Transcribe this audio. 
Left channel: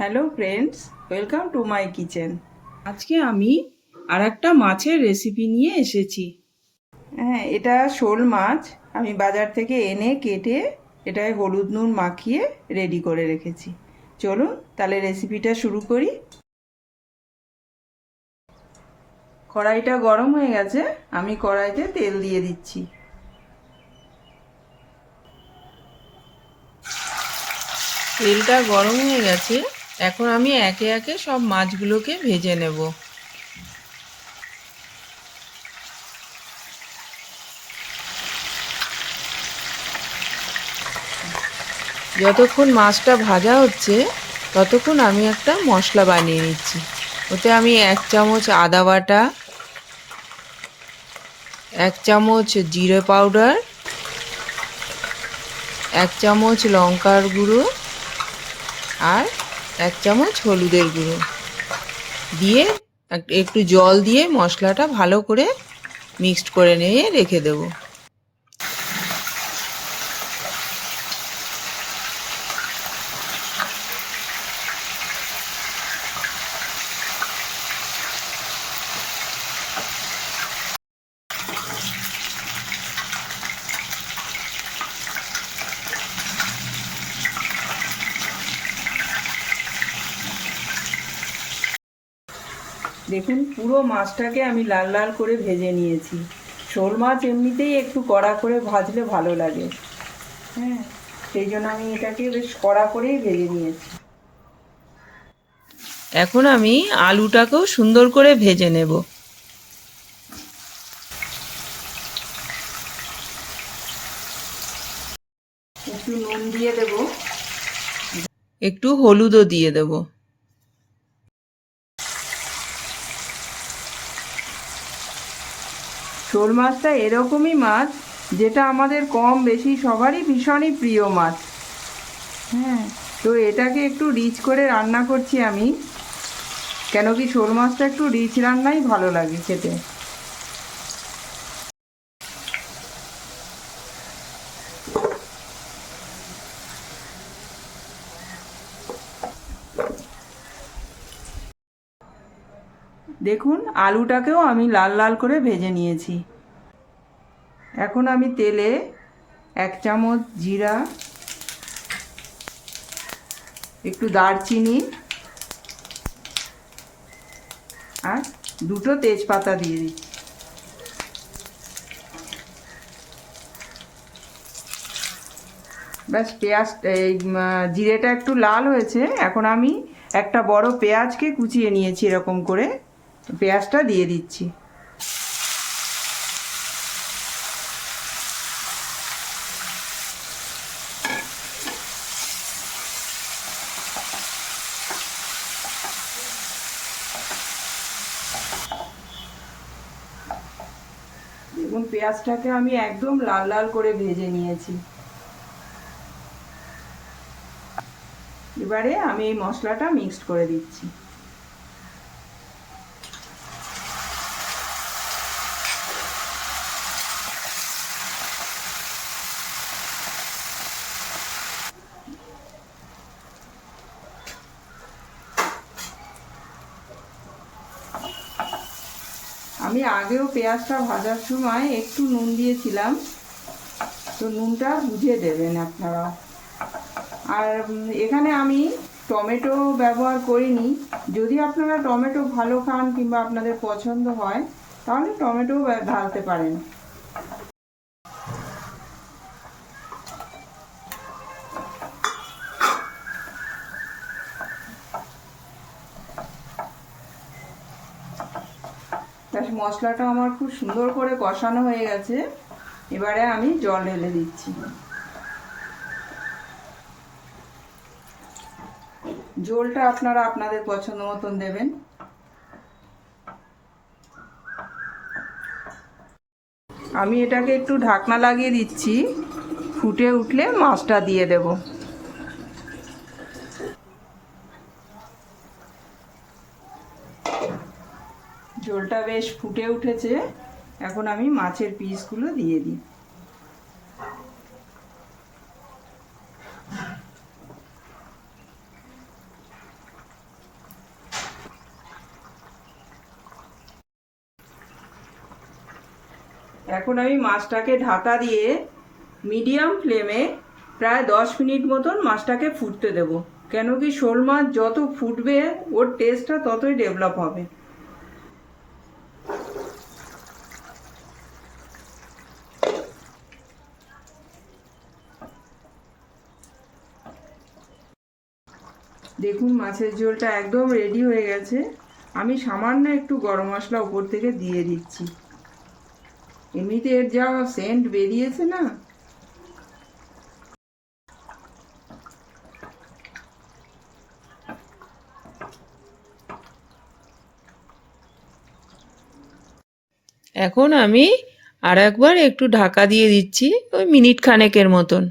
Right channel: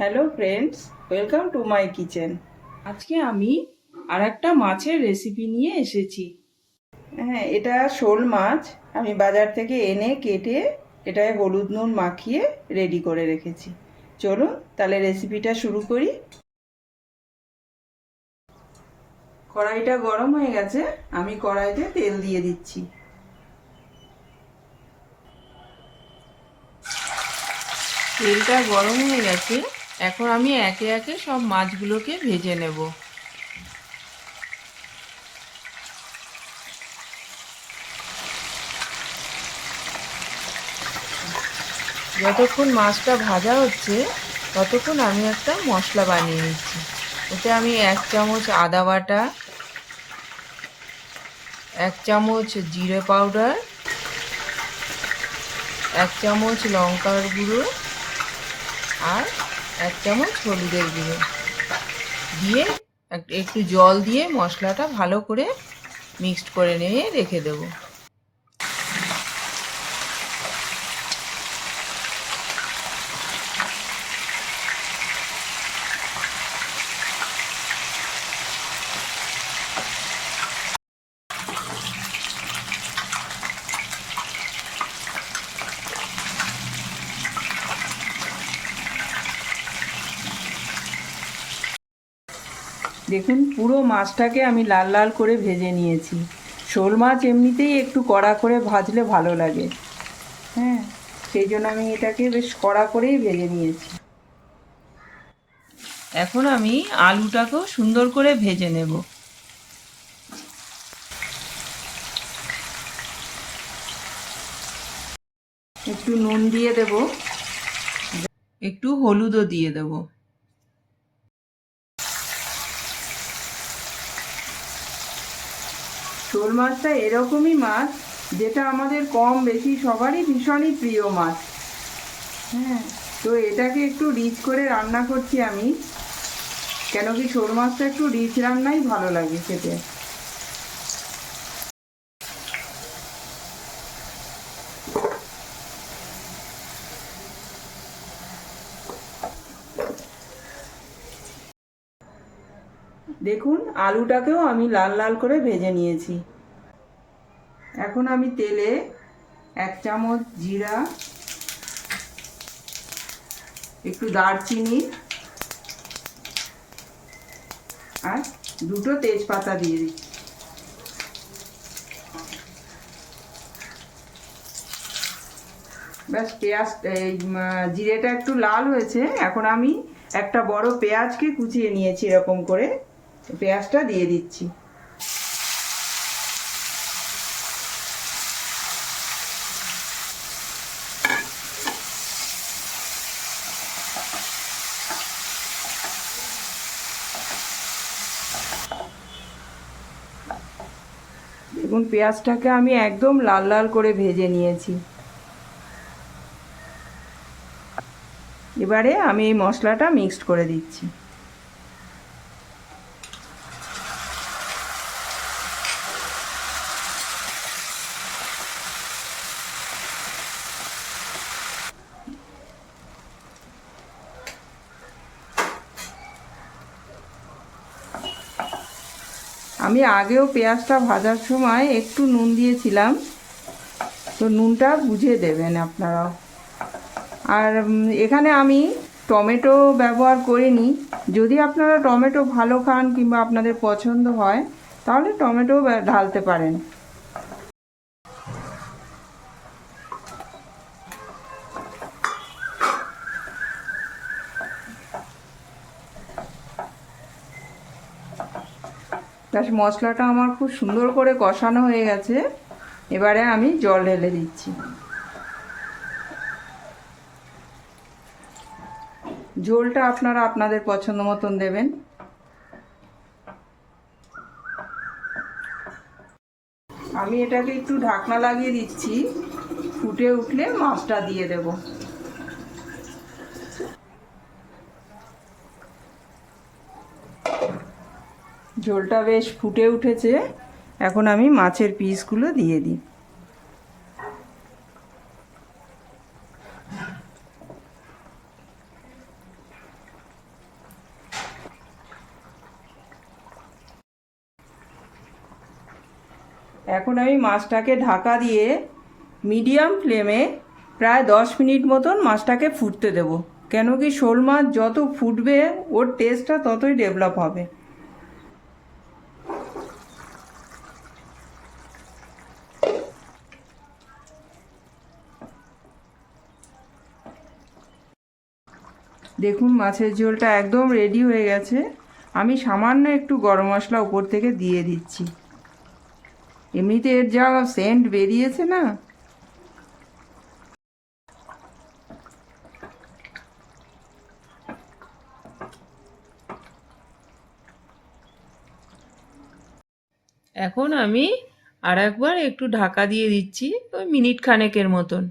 Hello friends, welcome to my kitchen. আজকে আমি আর একটা মাছের রেসিপি নিয়ে এসেছি। হ্যাঁ, এটা শোল মাছ। আমি বাজার থেকে এনে কেটে এটায় হলুদ নুন মাখিয়ে রেডি করে রেখেছি। চলুন তাহলে রেসিপিটা শুরু করি। কড়াইটা গরম হয়ে গেছে, আমি কড়াইতে তেল দিয়ে দিচ্ছি। তেলটা গরম হয়ে গেছে, এখন আমি একে একে সব মাছগুলোকে ভেজে নেব। যতক্ষণ মাছটা ভাজা হচ্ছে ততক্ষণ আমি একটা মশলা বানিয়ে নিচ্ছি। ওতে আমি 1 চামচ আদা বাটা, 1 চামচ জিরে পাউডার, 1 চামচ লঙ্কার গুঁড়ো আর 1 চামচ হলুদের গুঁড়ো দিয়ে একটু জল দিয়ে মশলাটা ভালো করে মিক্সড করে নিয়ে রেখে দেবো। দেখুন, পুরো মাছটাকে আমি লাল লাল করে ভেজে নিয়েছি। শোল মাছ এমনিতেই একটু কড়া করে ভাজলে ভালো লাগে। হ্যাঁ, সেই জন্য আমি এটাকে বেশ কড়া করেই ভেজে নিয়েছি। এখন আমি আলুটাকেও সুন্দর করে ভেজে নেব। একটু নুন দিয়ে দেব, একটু হলুদও দিয়ে দেব। শোল মাছটা এরকমই মাছ যেটা আমাদের কম বেশি সবারই ভীষণই প্রিয় মাছ। হ্যাঁ, তো এটাকে একটু রিচ করে রান্না করছি আমি, কেন কি শোল মাছটা একটু রিচ রান্নাই ভালো লাগে খেতে। দেখুন, আলুটাকেও আমি লাল লাল করে ভেজে নিয়েছি। এখন আমি তেলে 1 চামচ জিরা, একটু দারচিনি আর 2টো তেজপাতা দিয়ে দিচ্ছি। ব্যাস, পেঁয়াজ এই জিরেটা একটু লাল হয়েছে, এখন আমি একটা বড় পেঁয়াজকে কুচিয়ে নিয়েছি এরকম করে, পেঁয়াজটা দিয়ে দিচ্ছি। দেখুন, পেঁয়াজটাকে আমি একদম লাল লাল করে ভেজে নিয়েছি। এবারে আমি এই মশলাটা মিক্সড করে দিচ্ছি। আমি আগেও পেঁয়াজটা ভাজার সময় একটু নুন দিয়েছিলাম, তো নুনটা বুঝে দেবেন আপনারা। আর এখানে আমি টমেটো ব্যবহার করিনি। যদি আপনারা টমেটো ভালো খান কিংবা আপনাদের পছন্দ হয় তাহলে টমেটো ঢালতে পারেন। ব্যাস, মশলাটা আমার খুব সুন্দর করে কষানো হয়ে গেছে। এবারে আমি জল ঢেলে দিচ্ছি। ঝোলটা আপনারা আপনাদের পছন্দ মতন দেবেন। আমি এটাকে একটু ঢাকনা লাগিয়ে দিচ্ছি, ফুটে উঠলে মাছটা দিয়ে দেব। ঝোলটা বেশ ফুটে উঠেছে, এখন আমি মাছের পিসগুলো দিয়ে দিই। এখন আমি মাছটাকে ঢাকা দিয়ে মিডিয়াম ফ্লেমে প্রায় 10 মিনিট মতন মাছটাকে ফুটতে দেব। কেন কি শোল মাছ যত ফুটবে ওর টেস্টটা ততই ডেভেলপ হবে। দেখুন মাছের ঝোলটা একদম রেডি হয়ে গেছে। আমি সামান্য একটু গরম মশলা উপর থেকে দিয়ে দিচ্ছি। এমনিতে এর যা সেন্ট বেরিয়েছে না, এখন আমি আর একবার একটু ঢাকা দিয়ে দিচ্ছি, ওই মিনিট খানেকের মতন।